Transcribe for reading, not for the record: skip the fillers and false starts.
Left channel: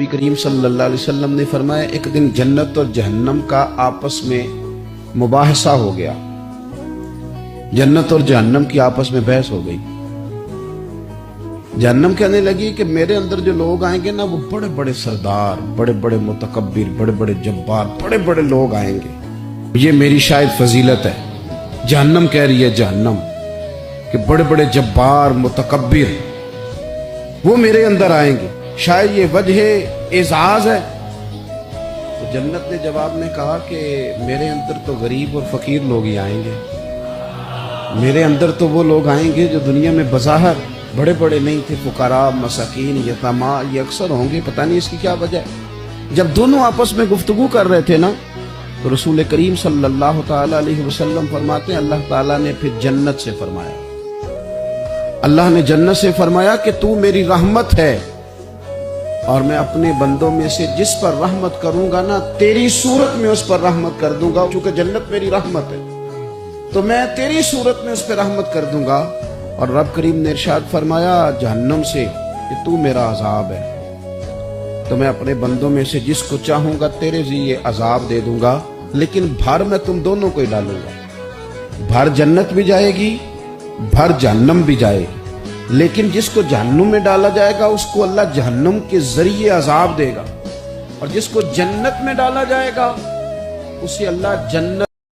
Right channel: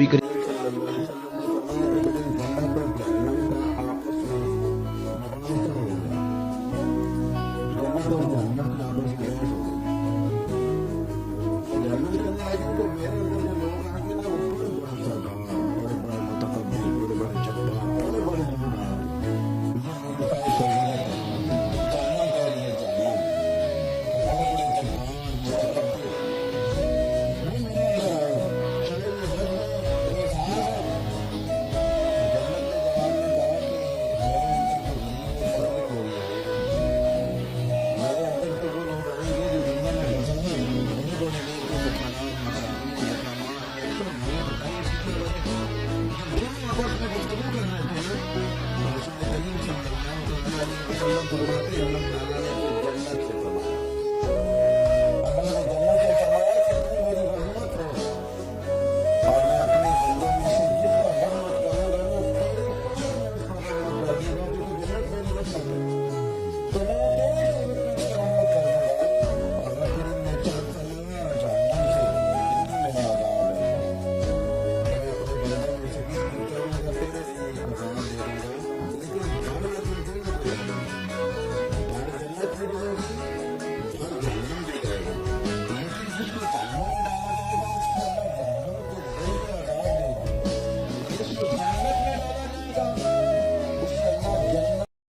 नबी करीम सल्लल्लाहु अलैहि वसल्लम ने फरमाया, एक दिन जन्नत और जहन्नम का आपस में मुबाहसा हो गया। जन्नत और जहन्नम की आपस में बहस हो गई। जहन्नम कहने लगी कि मेरे अंदर जो लोग आएंगे ना, वो बड़े बड़े सरदार, बड़े बड़े मुतकब्बिर, बड़े बड़े जब्बार, बड़े बड़े लोग आएंगे। ये मेरी शायद फजीलत है। जहन्नम कह रही है, जहन्नम कि बड़े बड़े जब्बार मुतकब्बिर वो मेरे अंदर आएंगे, शायद ये वजह एजाज है। तो जन्नत ने जवाब में कहा कि मेरे अंदर तो गरीब और फकीर लोग ही आएंगे। मेरे अंदर तो वो लोग आएंगे जो दुनिया में बज़ाहिर बड़े बड़े नहीं थे, फुकरा, मसाकीन, यतीमा, ये अक्सर होंगे। पता नहीं इसकी क्या वजह है। जब दोनों आपस में गुफ्तगू कर रहे थे ना, तो रसूल करीम सल्लल्लाहु ताला अलैहि वसल्लम फरमाते हैं, अल्लाह ताला ने फिर जन्नत से फरमाया, अल्लाह ने जन्नत से फरमाया कि तू मेरी रहमत है और मैं अपने बंदों में से जिस पर रहमत करूंगा ना, तेरी सूरत में उस पर रहमत कर दूंगा। चूंकि जन्नत मेरी रहमत है तो मैं तेरी सूरत में उस पर रहमत कर दूंगा। और रब करीम ने इरशाद फरमाया जहन्नम से कि तू मेरा अजाब है, तो मैं अपने बंदों में से जिसको चाहूंगा तेरे ज़रिए अजाब दे दूंगा, लेकिन भर मैं तुम दोनों को ही डालूंगा। भर जन्नत भी जाएगी, भर जहन्नम भी जाएगी, लेकिन जिसको जहन्नुम में डाला जाएगा उसको अल्लाह जहन्नुम के जरिए अजाब देगा, और जिसको जन्नत में डाला जाएगा उसे अल्लाह जन्नत